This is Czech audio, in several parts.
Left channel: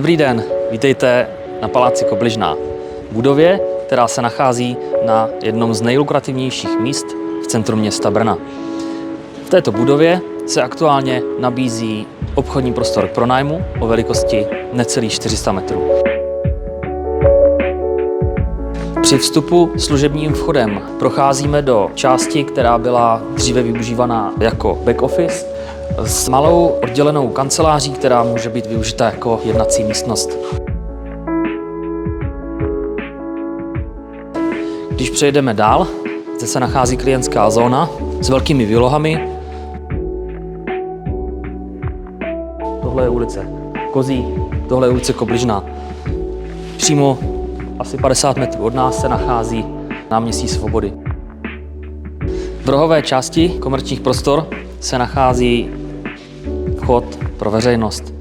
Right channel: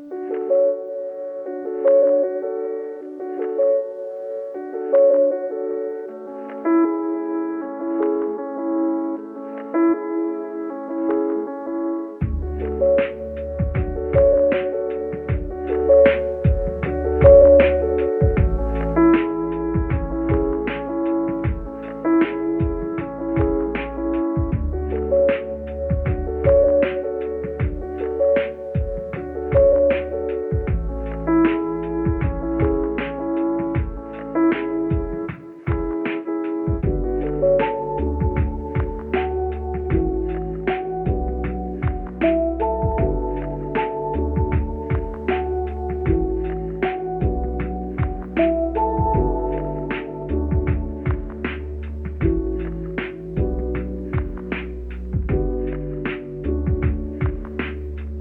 Dobrý den, vítejte na Paláci Kobližná, budově, která se nachází na jednom z nejlukrativnějších míst v centru města Brna. V této budově se aktuálně nabízí obchodní prostor k pronájmu o velikosti necelých 400 metrů. Při vstupu služebním vchodem procházíme do části, která byla dříve využívaná jako back office, s malou oddělenou kanceláří, která může být využita jako jednací místnost. Když přejdeme dál, zde se nachází klientská zóna s velkými výlohami. Tohle je ulice Kozí, tohle je ulice Kobližná. Přímo asi 50 metrů od nás se nachází náměstí Svobody. V rohové části komerčních prostor se nachází vchod pro veřejnost.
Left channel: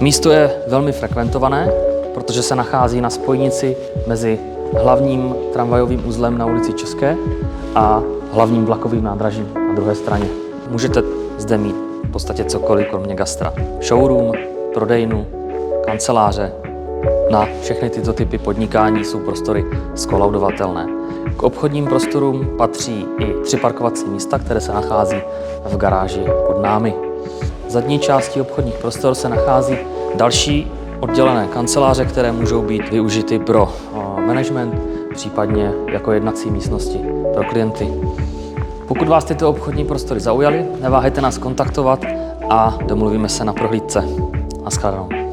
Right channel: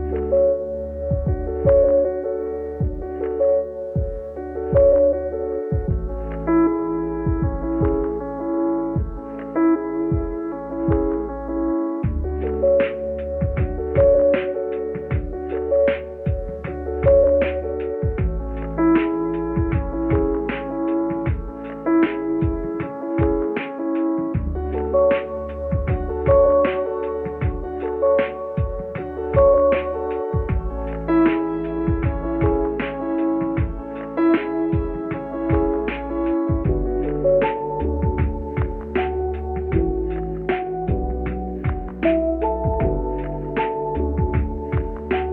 Místo je velmi frekventované, protože se nachází na spojnici mezi hlavním tramvajovým uzlem na ulici České a hlavním vlakovým nádražím na druhé straně. Můžete zde mít v podstatě cokoliv kromě gastra. Showroom, prodejnu, kanceláře. Na všechny tyto typy podnikání jsou prostory skolaudovatelné. K obchodním prostorům patří i 3 parkovací místa, které se nachází v garáži pod námi. V zadní části obchodních prostor se nachází další oddělené kanceláře, které můžou být využity pro management, případně jako jednací místnosti pro klienty. Pokud vás tyto obchodní prostory zaujaly, neváhejte nás kontaktovat a domluvíme se na prohlídce. Naschledanou.